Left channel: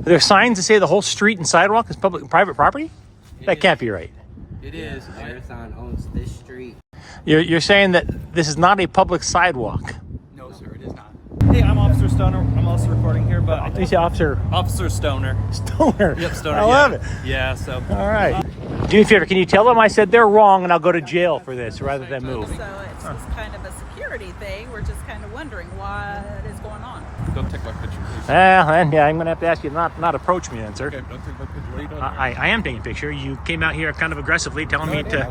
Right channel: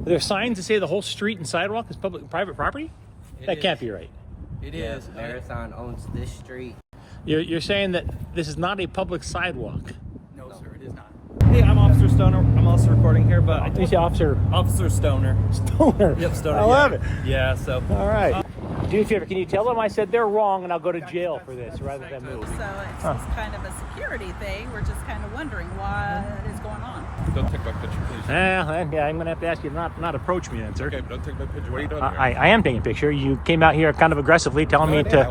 Are there signs that say the whole street and sidewalk is private property? That can't be right. It is. Marathon owns this street. You're saying that this is not a public sidewalk? No, sir, it is not. Hey, I'm Officer Stoner. I'm also recording here, but I You say Officer Stoner. Stoner. Yep, Stoner. I love it. Yeah, so. All right. Do me a favor, can you tell them I said they're wrong and I'll go to jail for this rather than move? So it's just kind of a security thing. We're just kind of wondering what is going on. Don't take my picture, please. Yeah, I'm going to have to ask you not approach me then, sir. Okay, but don't take my picture. What are you doing here? I am taking a picture. You came out here kind of aggressively telling me to...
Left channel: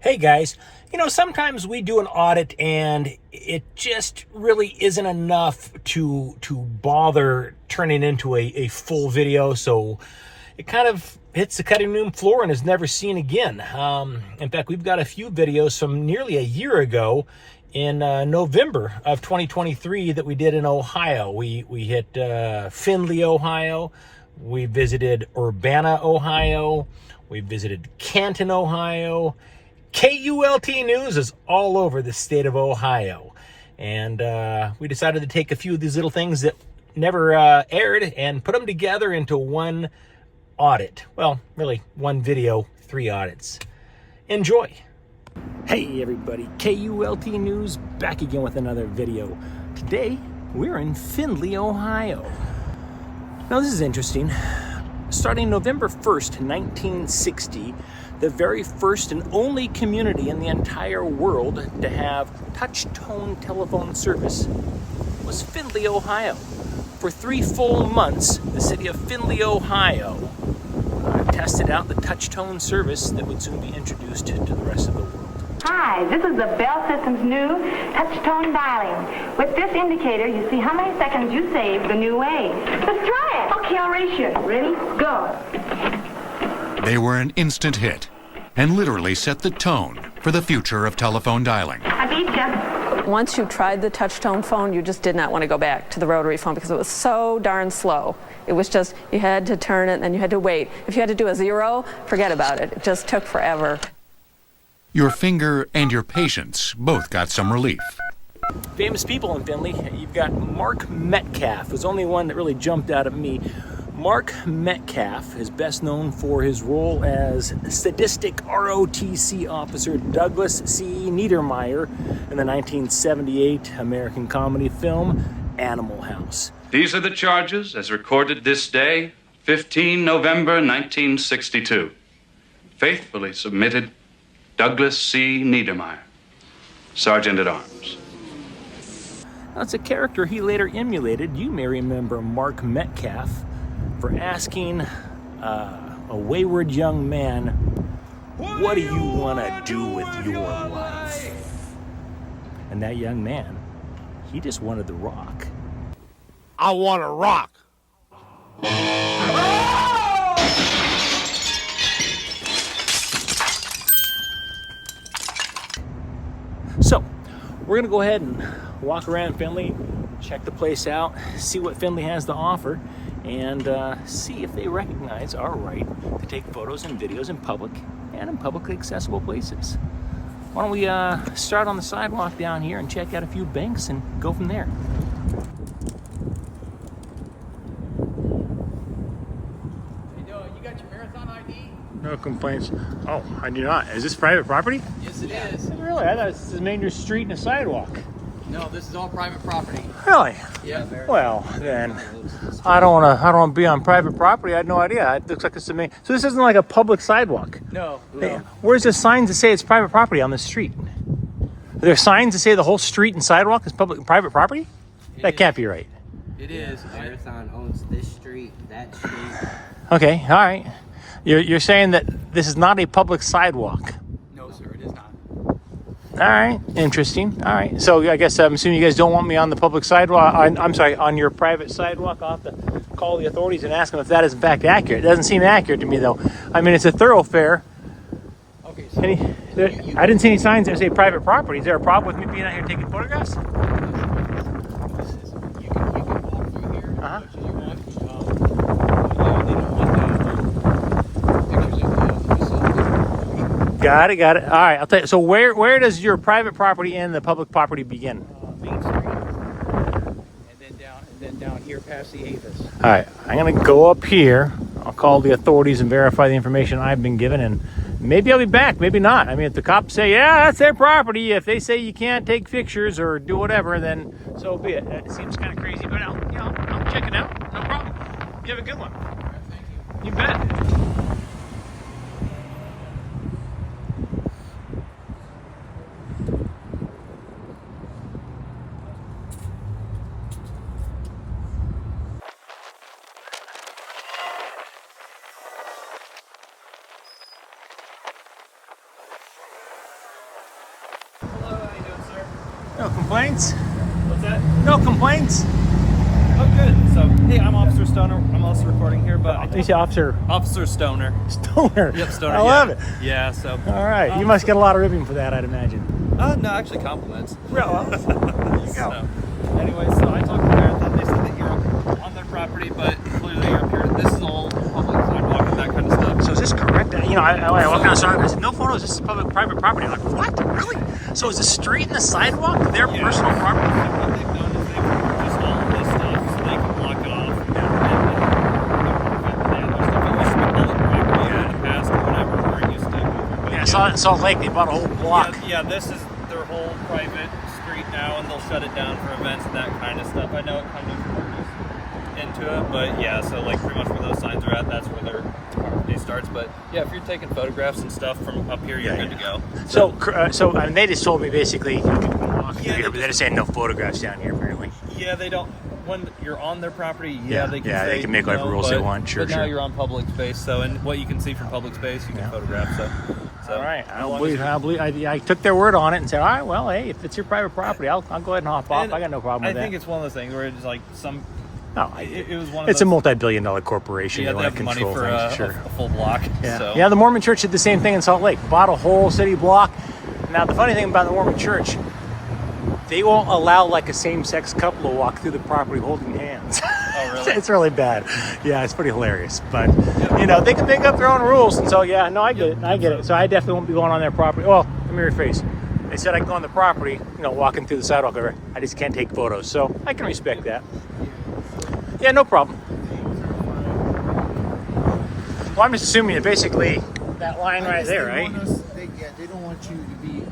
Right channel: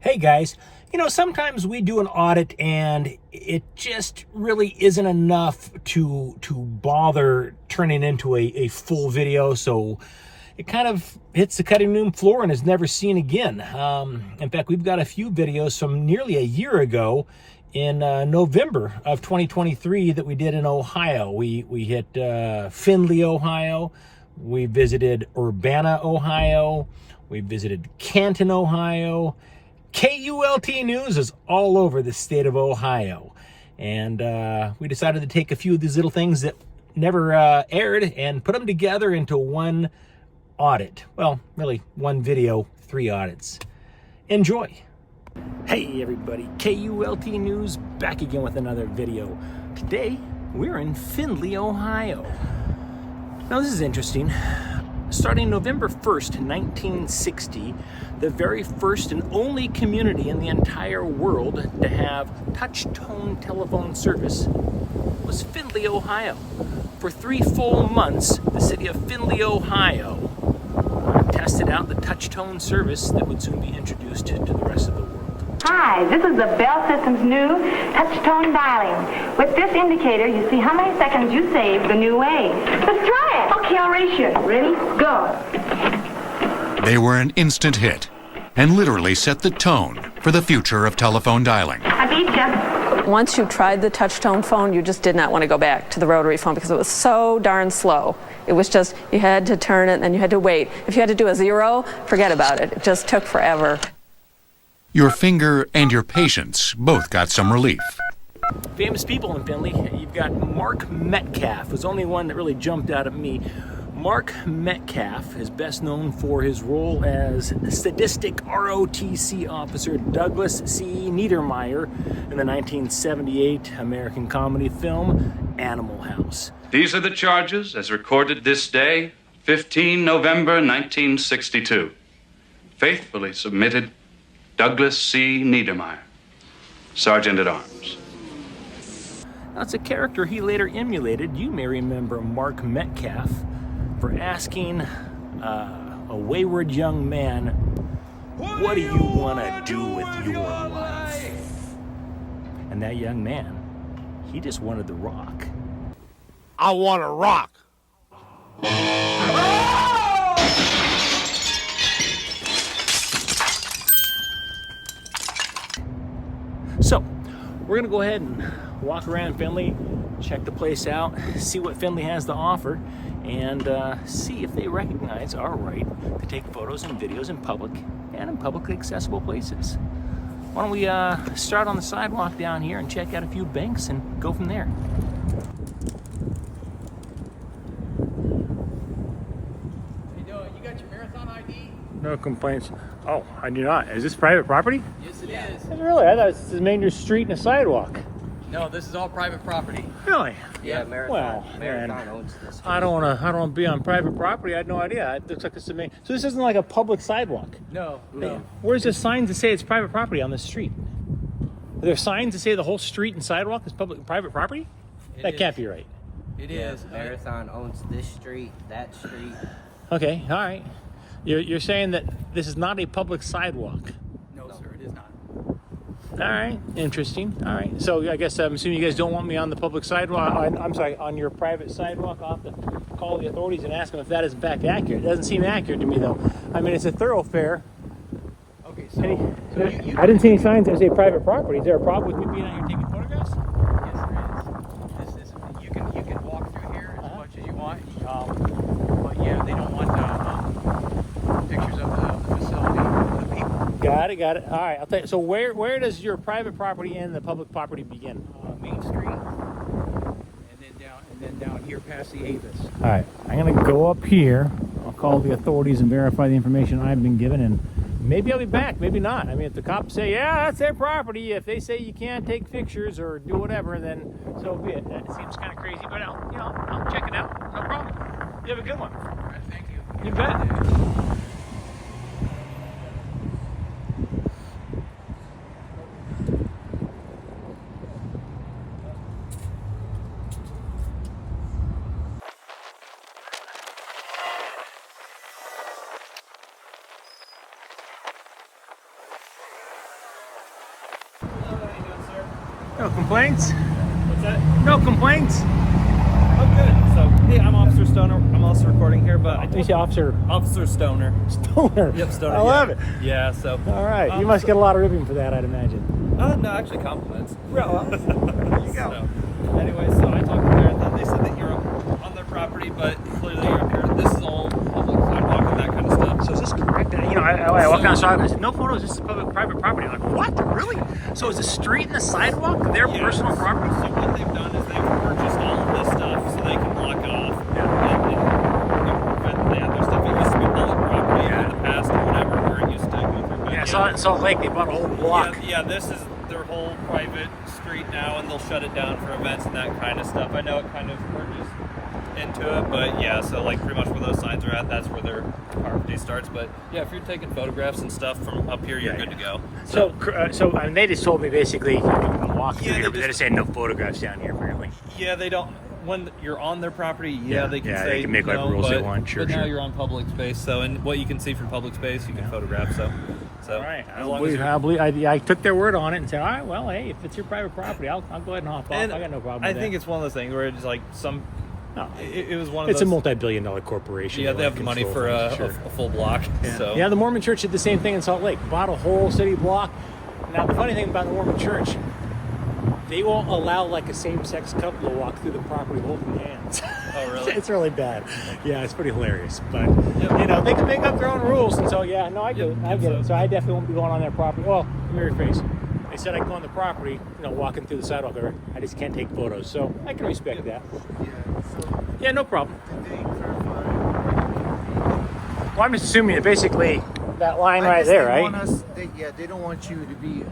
Hey guys, you know, sometimes we do an audit and it just really isn't enough to bother turning into a full video, so it kind of hits the cutting room floor and is never seen again. In fact, we've got a few videos from nearly a year ago in November of 2023 that we did in Ohio. We hit Findlay, Ohio. We visited Urbana, Ohio. We visited Canton, Ohio. KULT News is all over the state of Ohio. And we decided to take a few of these little things that never aired and put them together into one audit. Well, really one video, 3 audits. Enjoy. Hey everybody, KULT News back again with another video. Today we're in Findlay, Ohio. Now this is interesting. Starting November 1st, 1960, the very first and only community in the entire world to have touch-tone telephone service was Findlay, Ohio. For 3 full months, the city of Findlay, Ohio tested out the touch-tone service that would soon be introduced to the rest of the world. Hi, this is the Bell System's new touch-tone dialing. With this indicator, you see how many seconds you saved the new way. Let's try it. Okay, I'll race you. Ready? Go. They were an instant hit and literally set the tone for the future of telephone dialing. I beat you. Once you tried the touch-tone phone, you just did not want to go back to the rotary phone because it was so darn slow. It was just, you had to turn it and then you had to wait. If you had to do a 0, forget about it. It just took forever. Your finger and your patience both got some relief. Famous people in Findlay. You've got Mark Metcalf, who's the only one that really jumped out at me. Mark Metcalf is best known for his role as sadistic ROTC officer Douglas C. Niedermeyer in the 1978 American comedy film Animal House. These are the charges as recorded this day, 15 November 1962. Faithfully submitted, Douglas C. Niedermeyer, Sergeant at Arms. Now, it's a character he later emulated. You may remember Mark Metcalf for asking a wayward young man, what do you want to do with your life? And that young man, he just wanted the rock. I want to rock. So, we're going to go ahead and walk around Findlay, check the place out, see what Findlay has to offer, and see if they recognize our right to take photos and videos in public and in publicly accessible places. Why don't we start on the sidewalk down here and check out a few banks and go from there. You got your marathon ID? No complaints. Oh, I do not. Is this private property? Yes, it is. Really? I thought this was main street and a sidewalk. No, this is all private property. Really? Yeah. Well, then I don't want to be on private property. I had no idea. It looks like it's the main. So this isn't like a public sidewalk. No. Hey, where's the signs that say it's private property on the street? Are there signs that say the whole street and sidewalk is private property? That can't be right. It is. Marathon owns this street, that street. Okay, all right. You're saying that this is not a public sidewalk? No, sir, it is not. All right, interesting. All right, so I guess I'm assuming you guys don't want me on the public sidewalk. I'm sorry, on your private sidewalk. I'll have to call the authorities and ask them if that is in fact accurate. It doesn't seem accurate to me, though. I mean, it's a thoroughfare. Okay, so I didn't see any signs that say private property. Is there a problem with me being out here taking photographs? you can walk through here as much as you want. Yeah, they don't want pictures of the facility. Got it. All right, I'll tell you. So where does your private property and the public property begin? Main Street, and then down here past the Avis. All right, I'm gonna go up here. I'll call the authorities and verify the information I've been given, and maybe I'll be back, maybe not. I mean, if the cops say, yeah, that's their property, if they say you can't take pictures or do whatever, then so be it. That seems kind of crazy, but I'll check it out. No problem. You have a good one. All right, thank you. You bet. Hello, how you doing, sir? No complaints? What's that? No complaints? Oh, good. So, hey, I'm Officer Stoner. I'm also recording here, but I You say Officer Officer Stoner. Stoner. Yep, Stoner. I love it. Yeah, so. All right, you must get a lot of ribbing for that, I'd imagine. No, actually compliments. There you go. So, anyway, so I talked to them, and they said that you're on their property, but clearly you're up here. This is all public sidewalk and that kind of stuff. So is this correct? You know, I walk outside and I said, no photos, this is private property. I'm like, what? Really? So is the street and the sidewalk their personal property? So what they've done is they've purchased all of this stuff so they can block it off. Yeah. And prevent the other stuff. It used to be public property in the past or whatever, where it used to go through. But Yeah, I saw it in Salt Lake. They bought a whole block. Yeah, this is their whole private street now, and they'll shut it down for events and that kind of stuff. I know it kind of purchased into it, but yeah, so like pretty much where those signs are at, that's where their property starts. But yeah, if you're taking photographs and stuff from up here, you're good to go. So I mean, they just told me basically you can walk through Yeah, here, they but they're just saying no photographs down here apparently. Yeah, they don't. When you're on their property, Yeah, they can yeah, say, they can make whatever rules they want. Sure, but now sure. you're on public space, so and what you can see from public space, you can photograph. So All right, I I took their word on it and said, all right, well, hey, if it's your private property, I'll go ahead and hop off. I got no problem with that. I think it's one of those things where it's like some. No, It was one of it's those. a multi-billion-dollar corporation. Yeah, they have the money for a full block. Yeah. So. Yeah, the Mormon Church did the same thing in Salt Lake. Bought a whole city block. Now, the funny thing about the Mormon Church, they won't allow like a same-sex couple to walk through the property holding hands. Oh, really? It's really bad. Yeah, it's pretty hilarious. But, you know, they can make up their own rules. And so, yeah, no, I get it. I get it. So I definitely won't be going on their property. Well, let me rephrase. They said I can go on the property, you know, walking through the sidewalk over. I just can't take photos. So I can respect that. Yeah, no problem. Well, I'm just assuming that basically that line right there, right? They don't want you to be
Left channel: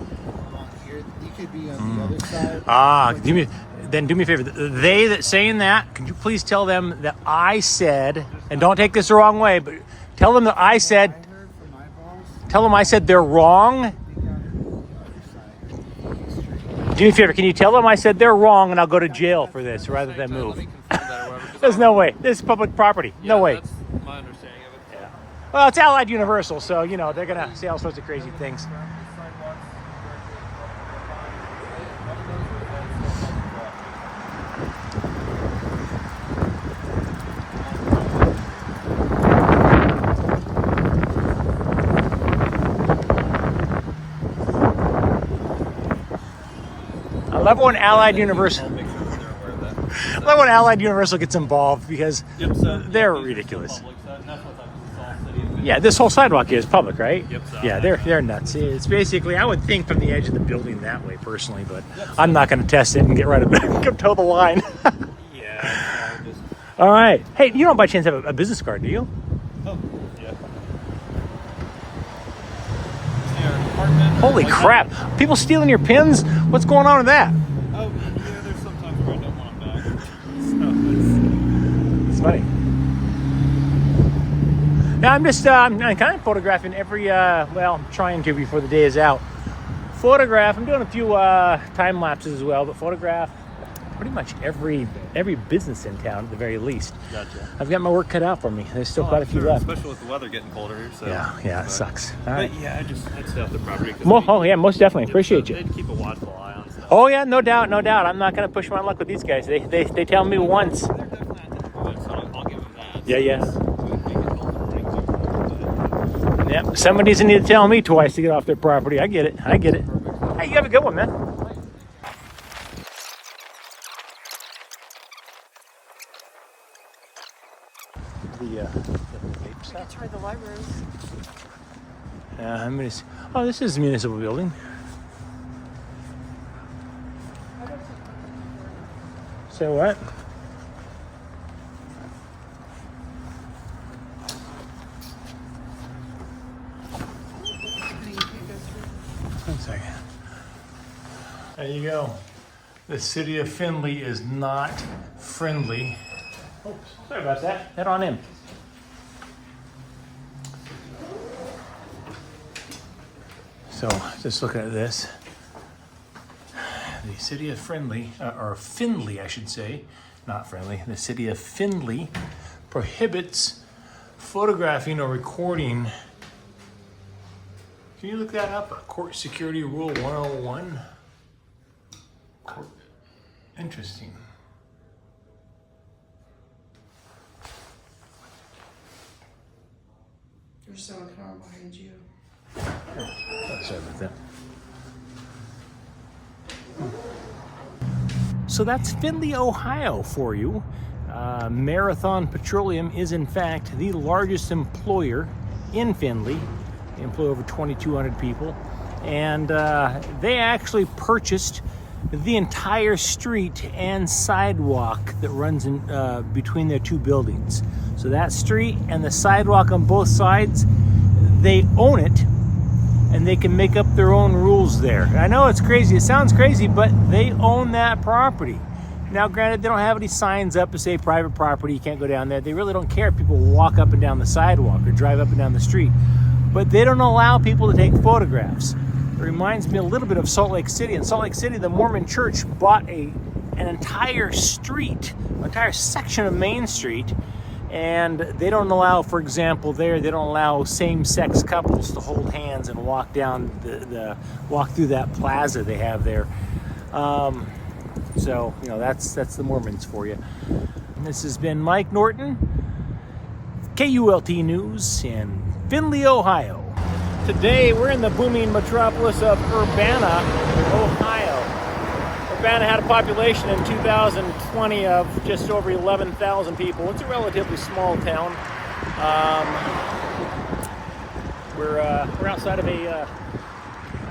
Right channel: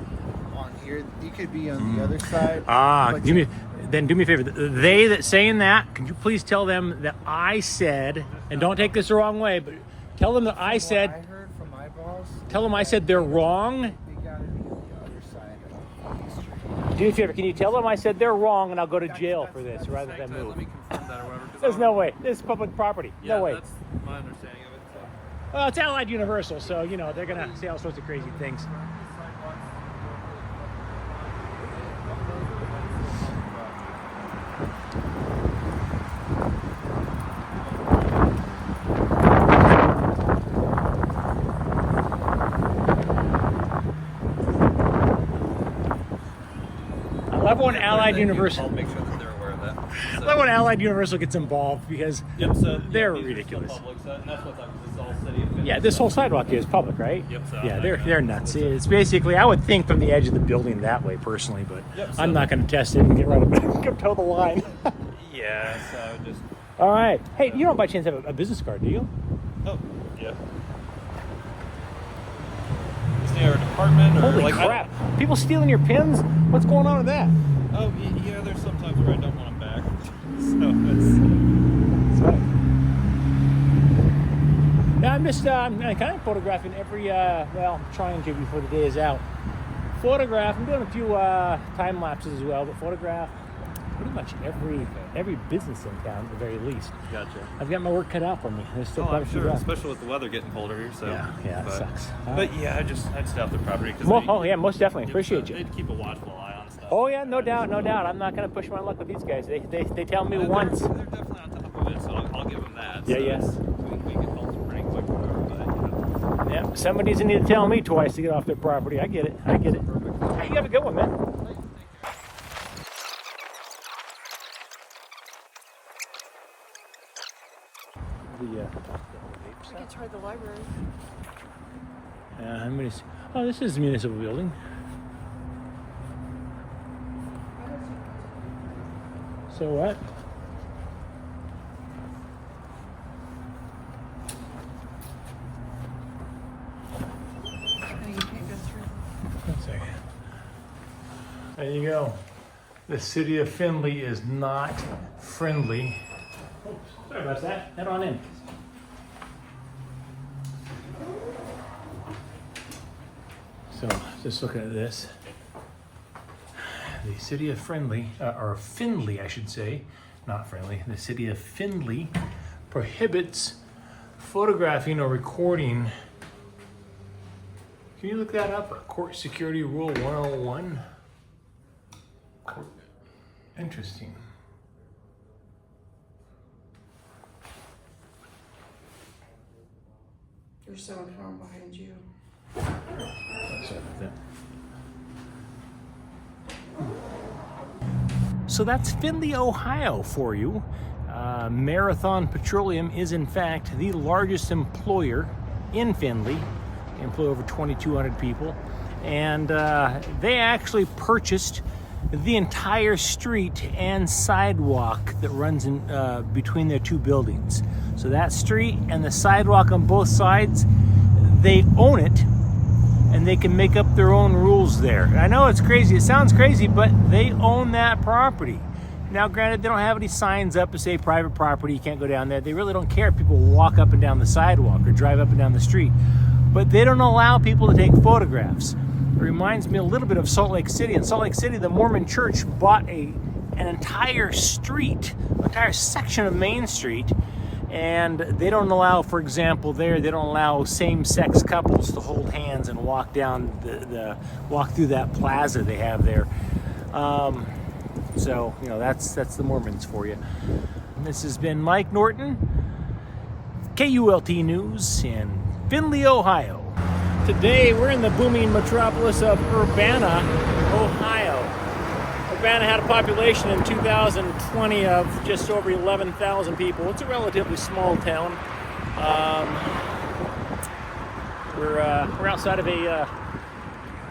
on here. You could be on the other side. Do me a favor. They that saying that, can you please tell them that I said, and don't take this the wrong way, but tell them that I said. I heard from my boss. Tell them I said they're wrong. They gotta be on the other side of the street. Do me a favor. Can you tell them I said they're wrong, and I'll go to jail for this rather than move? There's no way. This is public property. No way. That's my understanding of it. Yeah. Well, it's Allied Universal, so you know they're gonna say all sorts of crazy things. I love when Allied Universal. I'll make sure that they're aware of that. I love when Allied Universal gets involved because So they're these are ridiculous. still public, and that's what's up, 'cause it's all city of Findlay. Yeah, this whole sidewalk here is public, right? Yep, so Yeah, they're nuts. It's basically, I would think from the edge of the building that way personally, but Yep, so- I'm not going to test it and get right up and go toe the line. Yeah, so just. All right. Hey, you don't by chance have a business card, do you? Oh, yeah. Is there a department or Holy like, crap! People stealing your pins? What's going on with that? Oh, yeah, there's sometimes where I don't want them back. So It's funny. Now I'm just I'm kind of photographing every well, I'm trying to before the day is out. I'm doing a few time lapses as well, but photograph pretty much every business in town at the very least. Gotcha. I've got my work cut out for me. There's still quite a few sure, left. especially with the weather getting colder here. So Yeah, it sucks. All right. But yeah, I'd stay off the property. Oh yeah, most definitely. Appreciate you. Keep a watchful eye on stuff. Oh yeah, no doubt. I'm not gonna push my luck with these guys. They tell me once. They're definitely on top of it, so I'll give them that. Yeah, So yeah. We can hold some pretty quick, but Yeah, somebody doesn't need to tell me twice to get off their property. I get it. Hey, you have a good one, man. I could try the library. This is a municipal building. Say what? There you go. The city of Findlay is not friendly. Oops, sorry about that. Head on in. So, just looking at this. The city of Findlay, or Findlay, I should say, not friendly. The city of Findlay prohibits photographing or recording. Can you look that up? Court Security Rule 101. Interesting. There's someone coming behind you. Sorry about that. So that's Findlay, Ohio for you. Marathon Petroleum is in fact the largest employer in Findlay. They employ over 2,200 people. And they actually purchased the entire street and sidewalk that runs in between their two buildings. So that street and the sidewalk on both sides, they own it, and they can make up their own rules there. I know it's crazy, it sounds crazy, but they own that property. Now granted, they don't have any signs up to say private property, you can't go down there. They really don't care if people walk up and down the sidewalk or drive up and down the street. But they don't allow people to take photographs. It reminds me a little bit of Salt Lake City. In Salt Lake City, the Mormon church bought an entire street, an entire section of Main Street, and they don't allow, for example, they don't allow same-sex couples to hold hands and walk down walk through that plaza they have there. So you know, that's the Mormons for you. And this has been Mike Norton, KULT News in Findlay, Ohio. Today we're in the booming metropolis of Urbana, Ohio. Urbana had a population in 2020 of just over 11,000 people. It's a relatively small town. We're outside of a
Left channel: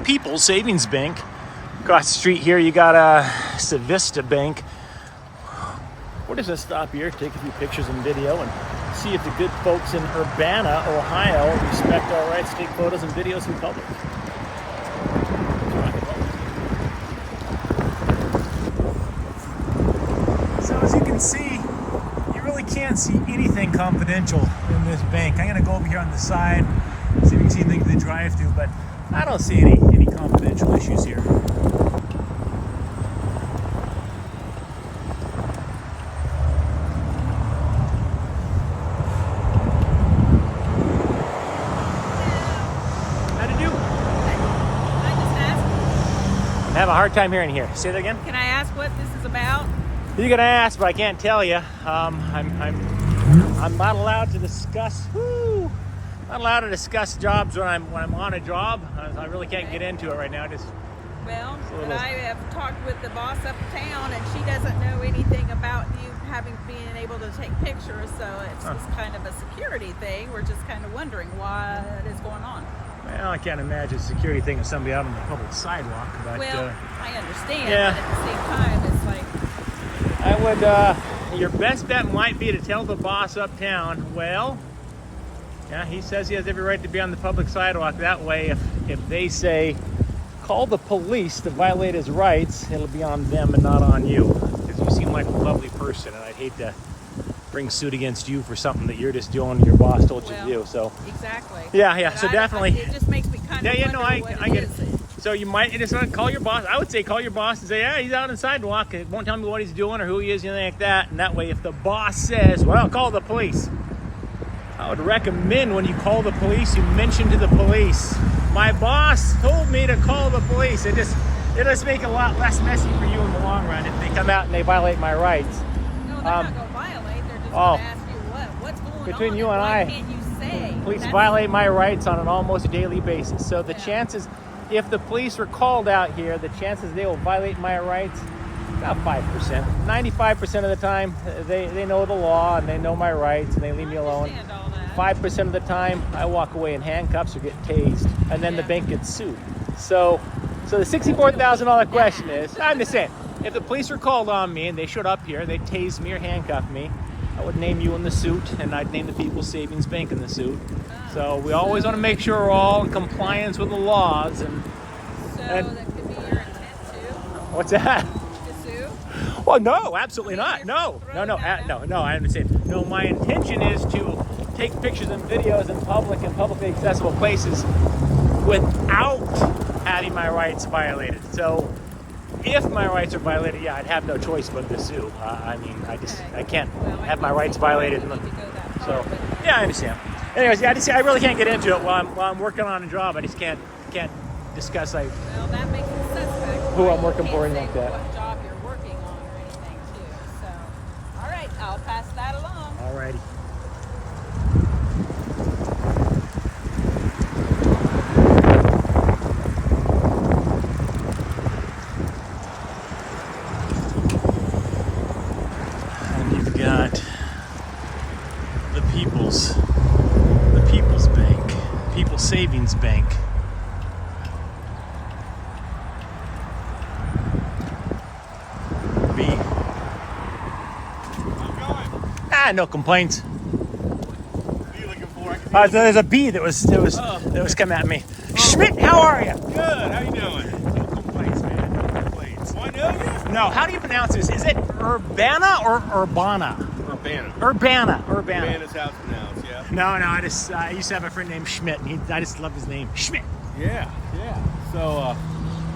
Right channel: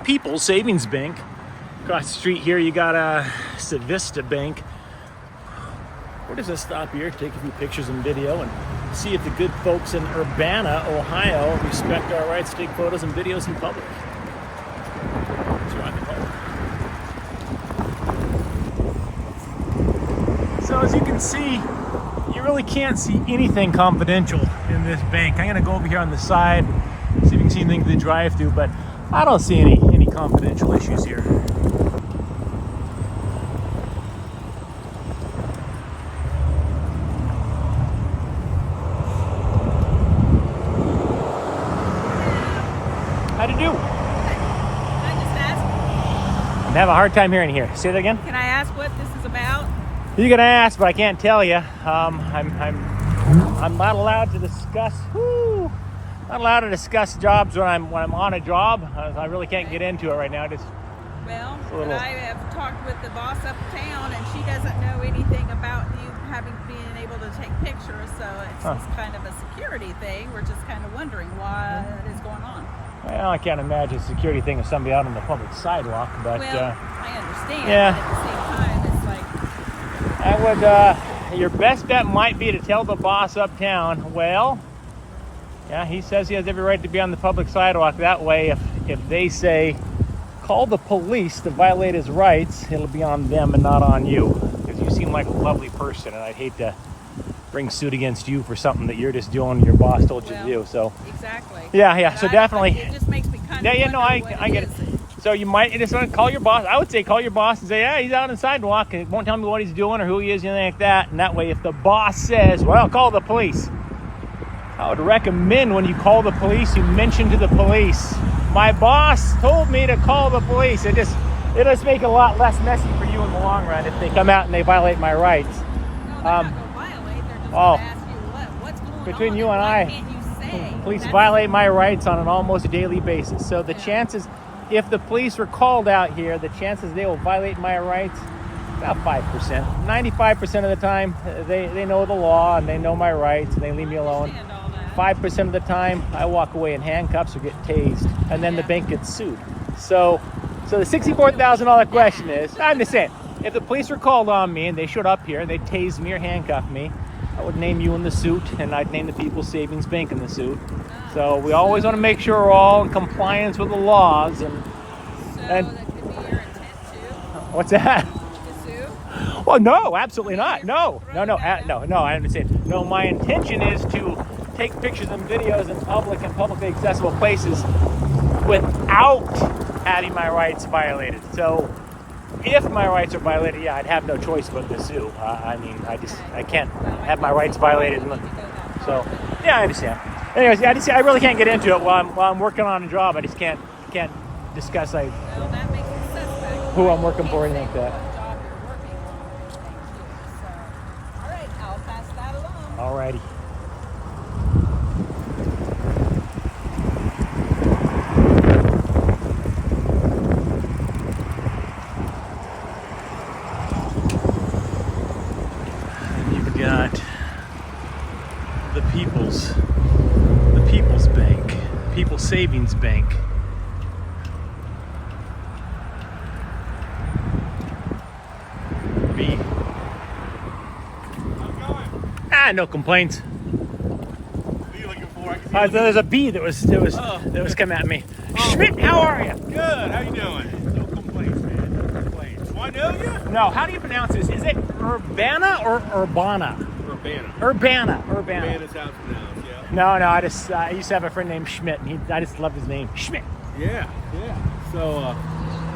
People's Savings Bank. Across the street here, you got a Civista Bank. We're just gonna stop here, take a few pictures and video, and see if the good folks in Urbana, Ohio, respect our rights to take photos and videos in public. Let's rock and roll. So as you can see, you really can't see anything confidential in this bank. I'm gonna go over here on the side, see if you can see anything to the drive-through, but I don't see any confidential issues here. Time hearing here. Say that again. Can I ask what this is about? You can ask, but I can't tell you. I'm not allowed to discuss. Not allowed to discuss jobs when I'm on a job. I really can't get into it right now. Well, but I have talked with the boss uptown, and she doesn't know anything about you being able to take pictures. So it's just kind of a security thing. We're just kind of wondering what is going on. Well, I can't imagine a security thing with somebody out on the public sidewalk, but... Well, I understand, yeah. But at the same time, it's like... your best bet might be to tell the boss uptown, well, yeah, he says he has every right to be on the public sidewalk. That way, if they say, call the police to violate his rights, it'll be on them and not on you. Because you seem like a lovely person, and I'd hate to bring suit against you for something that you're just doing your boss told you to do. So exactly. Yeah. But so definitely. It just makes me kind of wonder what it is. So you might just want to call your boss. I would say call your boss and say, yeah, he's out on the sidewalk. It won't tell me what he's doing or who he is, anything like that. And that way, if the boss says, well, I'll call the police. I would recommend when you call the police, you mention to the police, my boss told me to call the police. It just make it a lot less messy for you in the long run if they come out and they violate my rights. No, they're not going to violate. They're just going to ask you what's going on. Between you and why can't you say? Police violate my rights on an almost daily basis. So the chances, if the police are called out here, the chances they will violate my rights, about 5%. 95% of the time, they know the law and they know my rights and they leave me alone. I understand all that. 5% of the time, I walk away in handcuffs or get tased, and then the bank gets sued. So the $64,000 question is, I'm just saying, if the police were called on me and they showed up here and they tased me or handcuffed me, I would name you in the suit, and I'd name the People's Savings Bank in the suit. So we always want to make sure we're all in compliance with the laws. So that could be your intent too? What's that? To sue? Oh no, absolutely not. you're No, throwing that out? no. I didn't say it. No, my intention is to take pictures and videos in public and publicly accessible places without having my rights violated. So, if my rights are violated, yeah, I'd have no choice but to sue. I mean, I can't have my rights violated. You need to go that far, So, but yeah, I understand. Anyways, I really can't get into it while I'm working on a job. I just can't discuss well, that makes it suspect. Who why I'm you working can't for and say like that. what job you're working on or anything too. So, all right, I'll pass that along. Alrighty. You've got the People's Bank, People's Savings Bank. B. No complaints. What are you looking for? There's a bee that was coming at me. Schmidt, how are you? Good. How you doing? Complaints, man. No complaints. Do I know you? No, how do you pronounce this? Is it Urbana or Urbana? Urbana. Urbana. Urbana's how it's pronounced, yeah. No, I used to have a friend named Schmidt, and I just love his name, Schmidt. Yeah. So,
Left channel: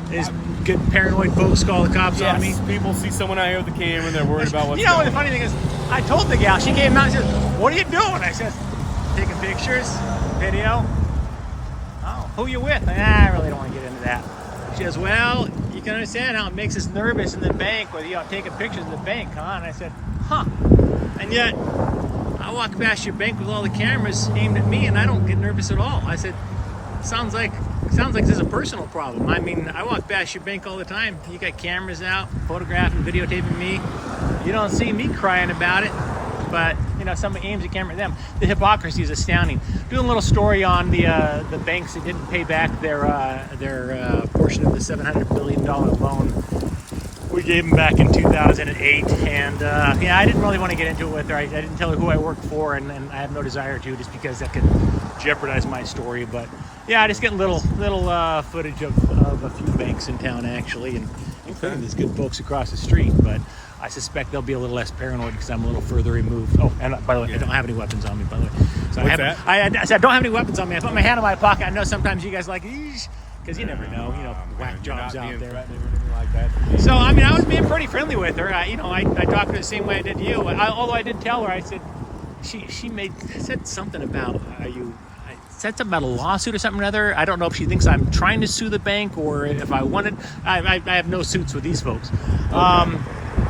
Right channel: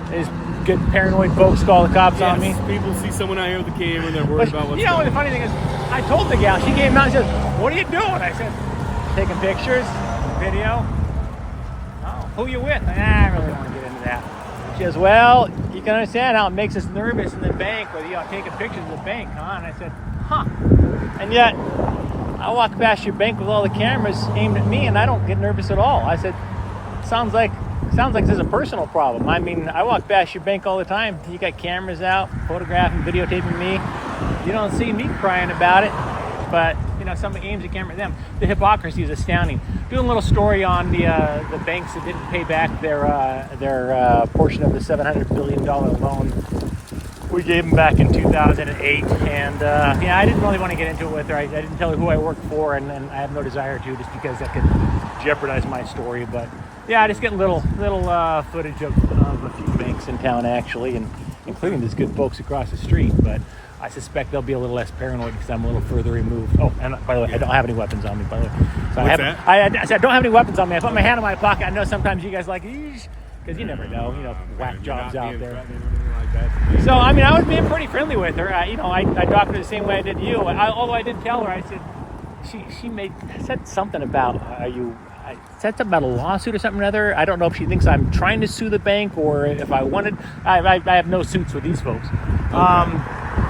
These good paranoid folks call the cops on me. people see someone out here with a camera and they're worried about what's You know, going the funny thing is, I told the gal, she came out and said, "What are you doing?" I said, "Taking pictures, video." "Oh, who you with?" I really don't want to get into that. She says, "Well, you can understand how it makes us nervous in the bank with you taking pictures of the bank, huh?" And I said, "Huh." And yet, I walk past your bank with all the cameras aimed at me, and I don't get nervous at all. I said, sounds like this is a personal problem. I mean, I walk past your bank all the time. You got cameras out, photographing, videotaping me. You don't see me crying about it, but you know, somebody aims a camera at them. The hypocrisy is astounding. Doing a little story on the banks that didn't pay back their portion of the $700 billion loan we gave them back in 2008, and yeah, I didn't really want to get into it with her. I didn't tell her who I worked for, and I have no desire to, just because that could jeopardize my story. But yeah, I just get little footage of a few banks in town, actually, and including these good folks across the street. But I suspect they'll be a little less paranoid because I'm a little further removed. Oh, and by the way, I don't have any weapons on me, by the way. So What's that? I said I don't have any weapons on me. I put my hand in my pocket. I know sometimes you guys like, eesh, because you never know, whack jobs out there. Like that. So, I mean, I was being pretty friendly with her. I talked to her the same way I did you. Although I did tell her, I said, she said something about, said something about a lawsuit or something or other. I don't know if she thinks I'm trying to sue the bank or if I wanted. I have no suits with these folks. Okay.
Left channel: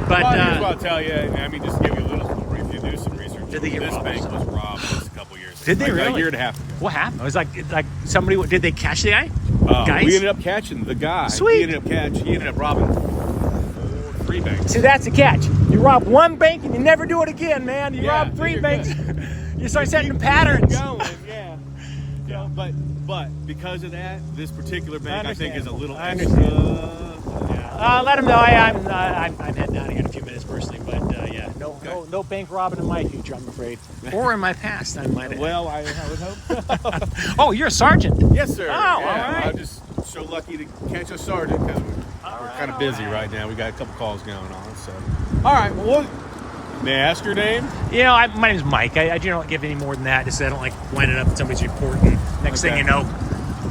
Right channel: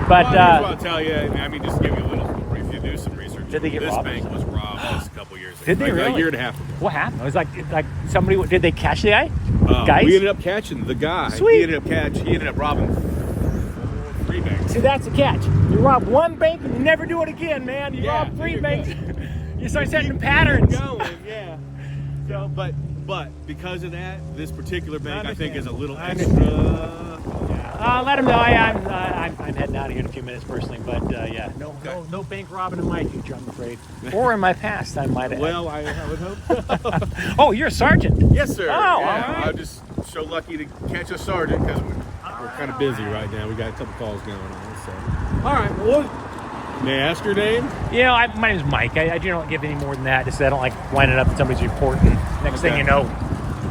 But here's what I'll tell you. I mean, just to give you a little story. If you do some research, did they get this robbed? bank was robbed just a couple years ago. Did they really? A year and a half ago. What happened? It was like somebody. Did they catch the guy? Guys? We ended up catching the guy. Sweet. He ended up robbing 3 banks. See, that's the catch. You rob one bank and you never do it again, man. You rob 3 banks. You start setting patterns. Going, yeah. So, but because of that, this particular bank I think is a little extra. Let him know. I'm heading out of here in a few minutes personally, but yeah, no bank robbing in my future, I'm afraid, or in my past, I might add. Well, I would hope. Oh, you're a sergeant? Yes, sir. Oh, yeah, all right. I'm just so lucky to catch a sergeant because we're kind of busy right now. We got a couple calls going on. So, all right. Well, may I ask your name? My name's Mike. I don't give any more than that. Just I don't like winding up at somebody's reporting. Next thing you know,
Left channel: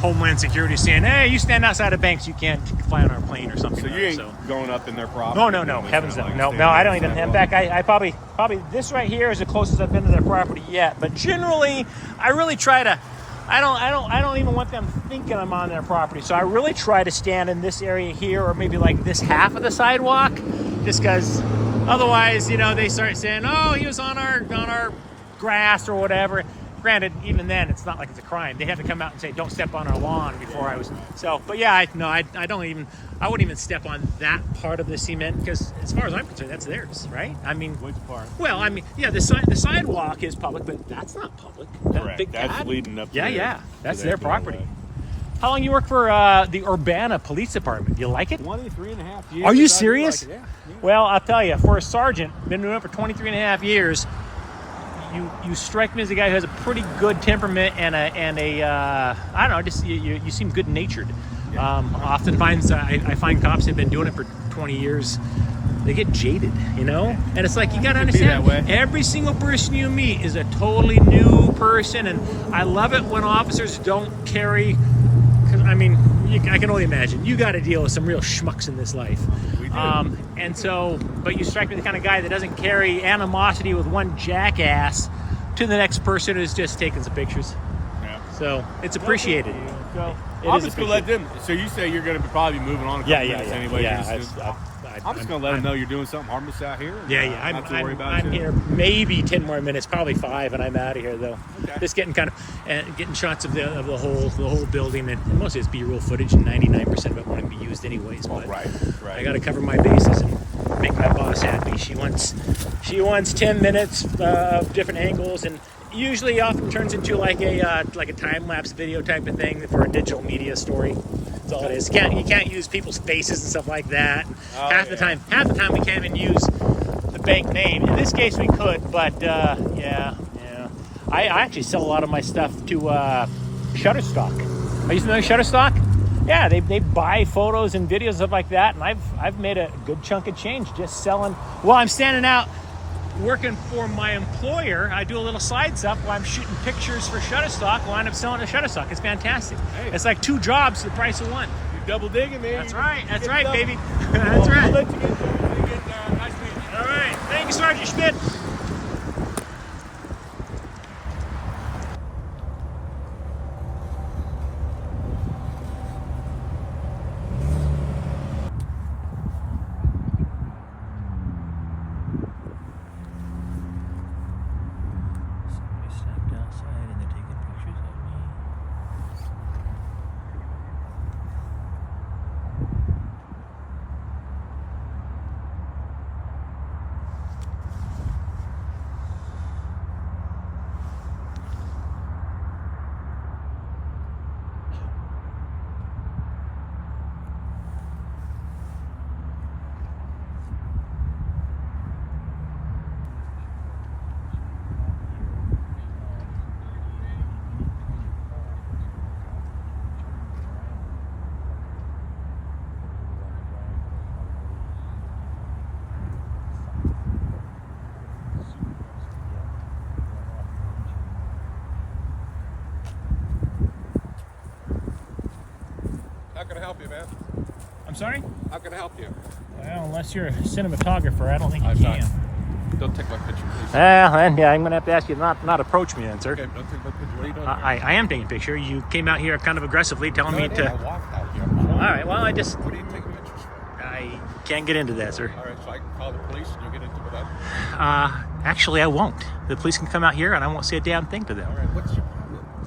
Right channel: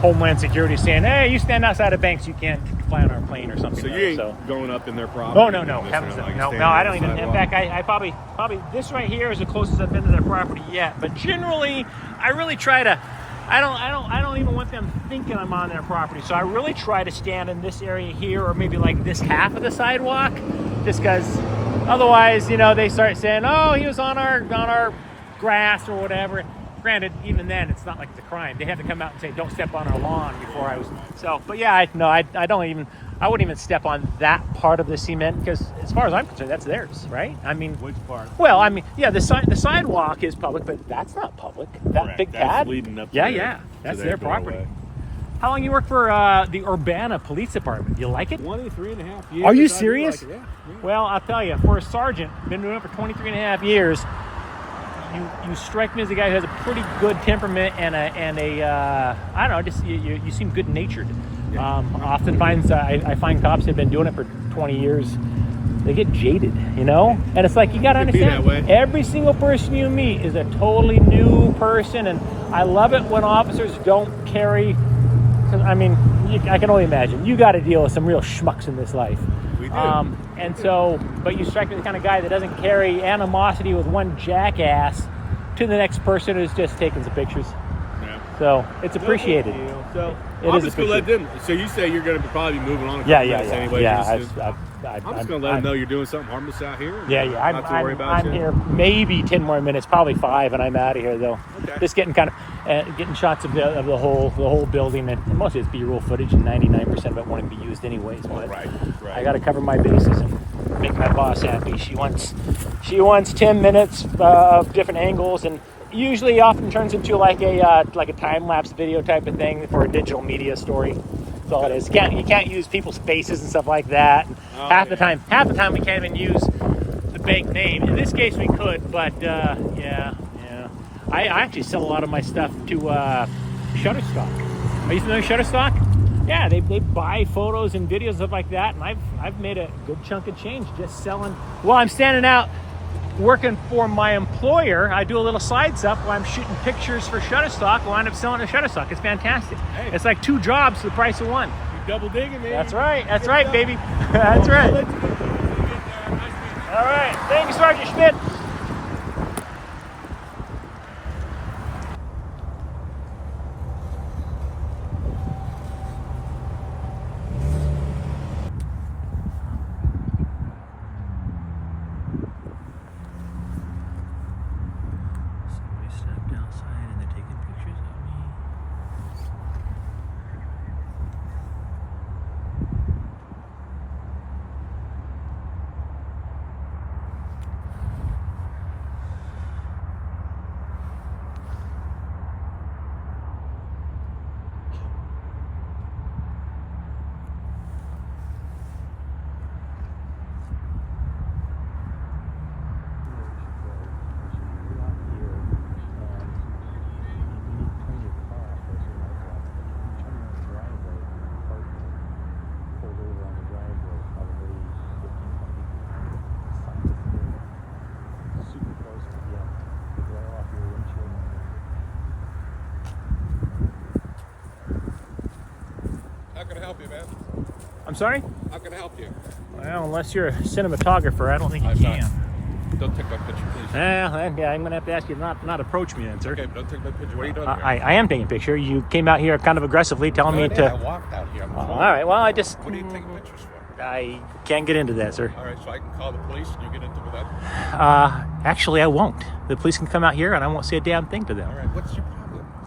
Homeland Security saying, "Hey, you stand outside of banks, you can't fly on our plane," or something. So you ain't going up in their property? Oh, no. Heavens no. No, I don't even. In fact, I probably this right here is the closest I've been to their property yet. But generally, I really try to. I don't even want them thinking I'm on their property. So I really try to stand in this area here, or maybe like this half of the sidewalk, just because otherwise, they start saying, "Oh, he was on our grass or whatever." Granted, even then, it's not like it's a crime. They have to come out and say, "Don't step on our lawn." Before I was so, but yeah, I wouldn't even step on that part of the cement because, as far as I'm concerned, that's theirs, right? I mean, which part? Well, I mean, yeah, the sidewalk is public, but that's not public. That big that's pad, leading up. Yeah, that's their property. How long you work for the Urbana Police Department? You like it? 23.5 years. Are you serious? Like yeah. Well, I'll tell you, for a sergeant, been doing it for 23.5 years. You strike me as a guy who has a pretty good temperament and a I don't know, just you seem good natured. Oftentimes, I find cops have been doing it for 20 years. They get jaded, you know? And it's like, you got to understand, every single person you meet is a totally new person. And I love it when officers don't carry, I mean, I can only imagine. You got to deal with some real schmucks in this life. We do. And so, but you strike me the kind of guy that doesn't carry animosity with one jackass to the next person who's just taking some pictures. Yeah. So it's appreciated. So I'm just gonna let them. So you say you're gonna probably be moving on in a couple minutes anyway. Yeah, I'm just gonna let them know you're doing something harmless out here. Yeah. Not to worry about I'm here maybe 10 more minutes, probably 5, and I'm out of here though. Okay. Just getting kind of getting shots of the whole building, and mostly it's B-roll footage. 99% of it won't be used anyways. But right. I got to cover my bases and make my boss happy. She wants 10 minutes of different angles, and usually often turns into like a time-lapse video type of thing for a digital media story. That's all it is. You can't use people's faces and stuff like that. Half the time we can't even use the bank name. In this case we could, but yeah. I actually sell a lot of my stuff to Shutterstock. Are you familiar with Shutterstock? Yeah, they buy photos and videos and stuff like that, and I've made a good chunk of change just selling. While I'm standing out working for my employer, I do a little side stuff while I'm shooting pictures for Shutterstock. I wind up selling to Shutterstock. It's fantastic. Hey. It's like 2 jobs for the price of 1. You're double digging, man. That's right, baby. That's right. All right, thank you, Sergeant Schmidt. How can I help you, man? I'm sorry? How can I help you? Well, unless you're a cinematographer, I don't think you can. Don't take my picture, please. Yeah, I'm going to have to ask you to not approach me then, sir. Okay, but don't take my picture. What are you doing here? I am taking a picture. You came out here kind of aggressively telling me to... I walked out here. All right, well, I just... What are you taking pictures for? I can't get into that, sir. All right, so I can call the police and you get into with them? Actually, I won't. The police can come out here and I won't say a damn thing to them. All right, what's your problem?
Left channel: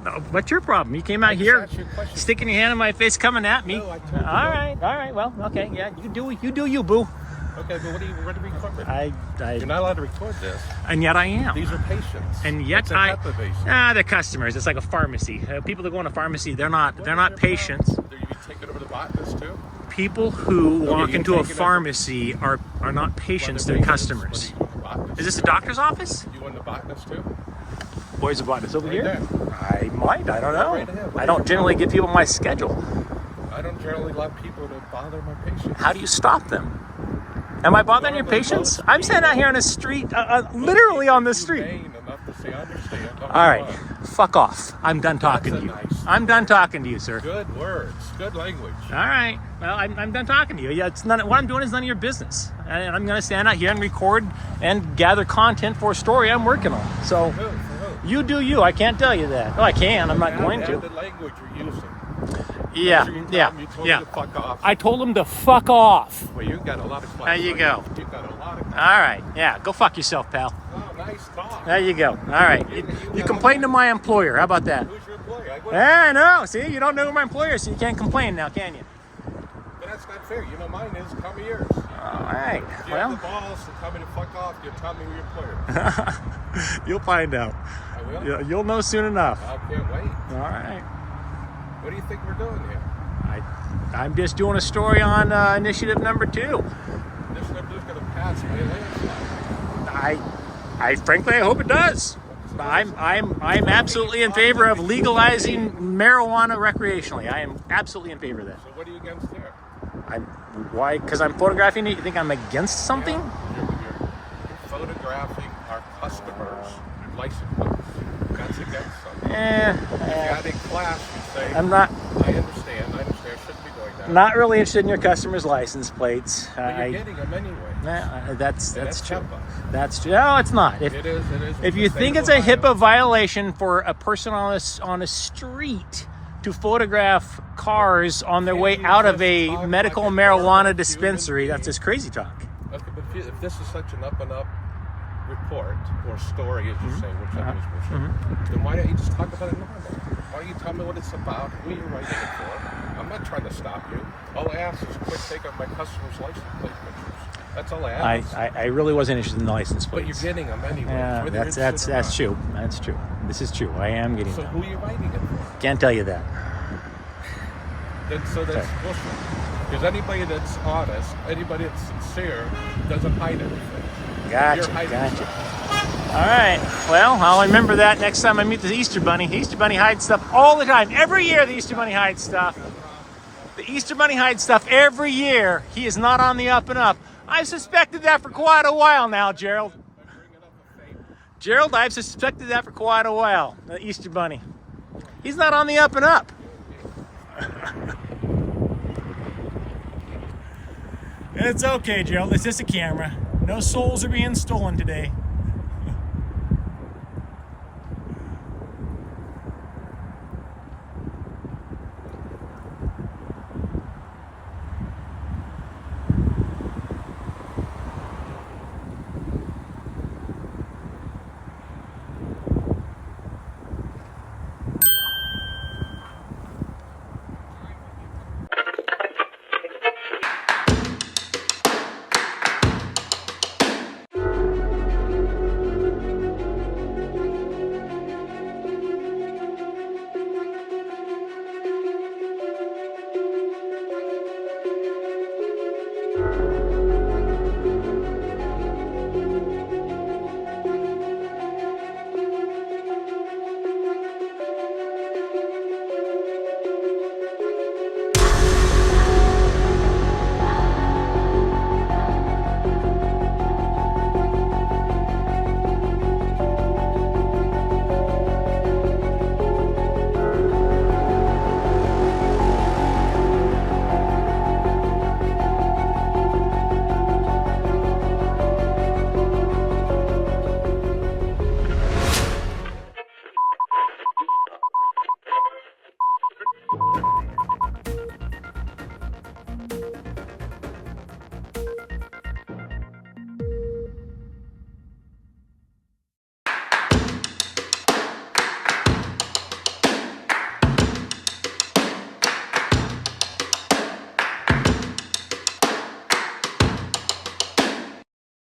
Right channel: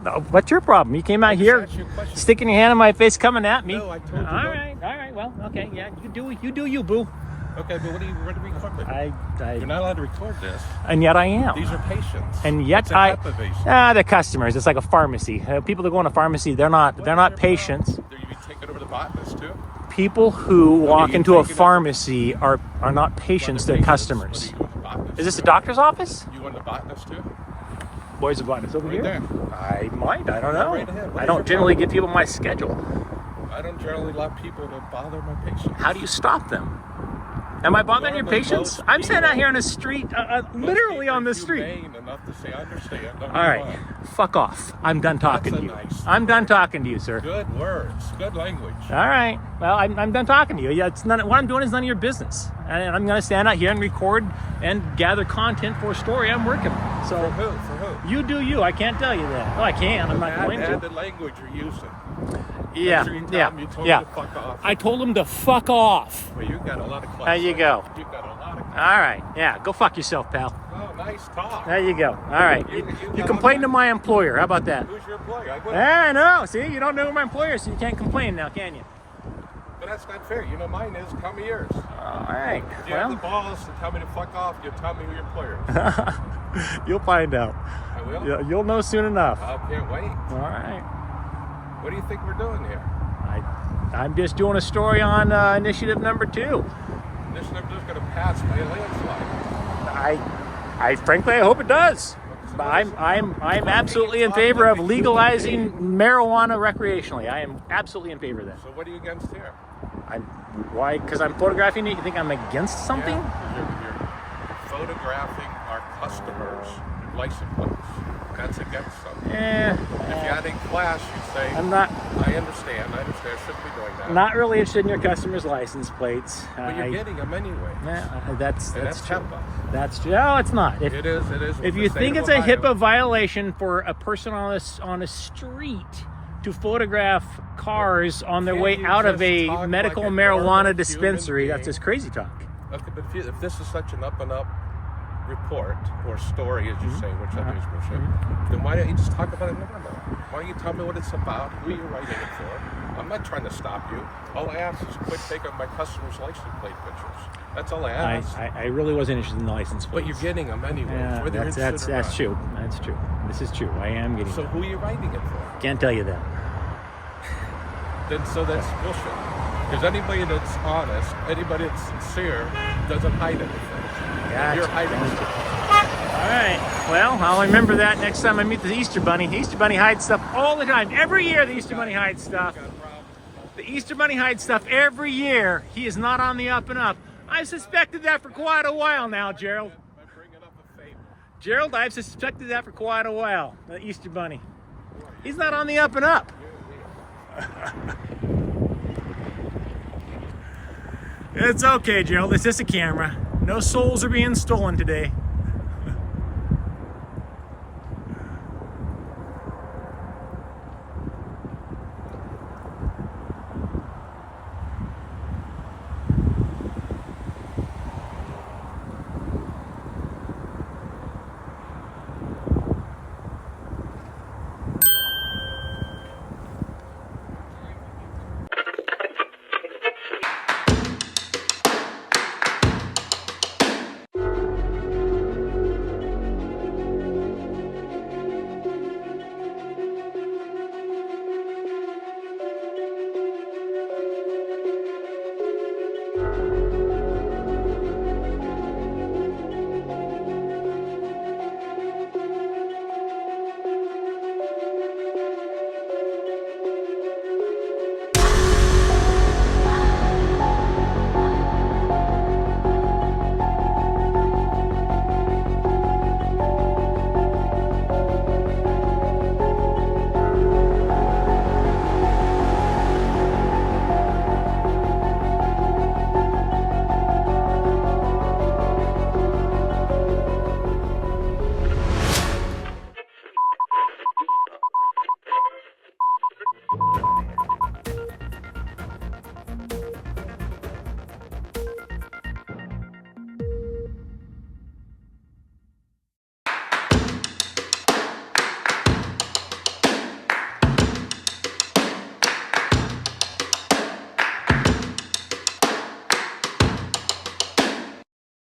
No, what's your problem? You came out here, sticking your hand in my face, coming at me. No, I told you. All right, well, okay, yeah, you do you, boo. Okay, but what are you ready to record? You're not allowed to record this. And yet I am. These are patients. And yet they're customers. It's like a pharmacy. People that go in a pharmacy, they're not patients. Are you taking over the botanist too? People who walk into a pharmacy are not patients, they're customers. Is this a doctor's office? You want the botanist too? Where's the botanist? Over here? There. I might. I don't know. Right ahead. I don't generally give people my schedule. I don't generally allow people to bother my patients. How do you stop them? Am I bothering your patients? I'm standing out here on the street, literally on the street. Enough to say, I understand. All right, fuck off. I'm done talking to you. I'm done talking to you, sir. Good words, good language. All right, well, I'm done talking to you. Yeah, it's none. What I'm doing is none of your business. And I'm going to stand out here and record and gather content for a story I'm working on. So For who? You do you. I can't tell you that. Oh, I can. I'm not going to. The language you're using. Yeah. I told him to fuck off. Well, you've got a lot of There you go. You've got a lot of All right. Yeah. Go fuck yourself, pal. Oh, nice talk. There you go. All right. You complain to my employer. How about that? Who's your employer? I know. See, you don't know who my employer is, so you can't complain now, can you? But that's not fair. You know mine is. Tell me yours. All right. If you have the balls to tell me to fuck off, you tell me who your employer is. You'll find out. I will? You'll know soon enough. I can't wait. All right. What do you think we're doing here? I'm just doing a story on initiative number 2. Initiative 2 is going to pass by a landslide. I frankly, I hope it does. I'm absolutely in favor of legalizing marijuana recreationally. I am absolutely in favor of that. So what are you against here? Why? Because I'm photographing you. You think I'm against something? Yeah, you're photographing our customers' license plates. That's against something. Yeah. If you had a class, you'd say, I'm not. I understand. I shouldn't be doing that. Not really interested in your customers' license plates. But you're getting them anyway. That's true. HIPAA. That's true. No, it's not. It is. If you think it's a HIPAA violation for a person on a street to photograph cars on their way out of a medical marijuana dispensary, that's just crazy talk. Okay, but if this is such an up-and-up report or story, as you say, which I think is bullshit, then why don't you just talk about it normal? Why don't you tell me what it's about, who you're writing it for? I'm not trying to stop you. All I ask is quick take of my customers' license plate pictures. That's all I ask. I really wasn't interested in the license plates. But you're getting them anyway. Yeah, that's true. That's true. This is true. I am getting them. So who are you writing it for? Can't tell you that. Then so that's bullshit. Because anybody that's honest, anybody that's sincere, doesn't hide anything. Gotcha. You're hiding stuff. All right. Well, I'll remember that next time I meet the Easter Bunny. The Easter Bunny hides stuff all the time. Every year the Easter Bunny hides stuff. The Easter Bunny hides stuff every year. He is not on the up and up. I've suspected that for quite a while now, Gerald. Gerald, I've suspected that for quite a while. The Easter Bunny. He's not on the up and up. It's okay, Gerald. It's just a camera. No souls are being stolen today.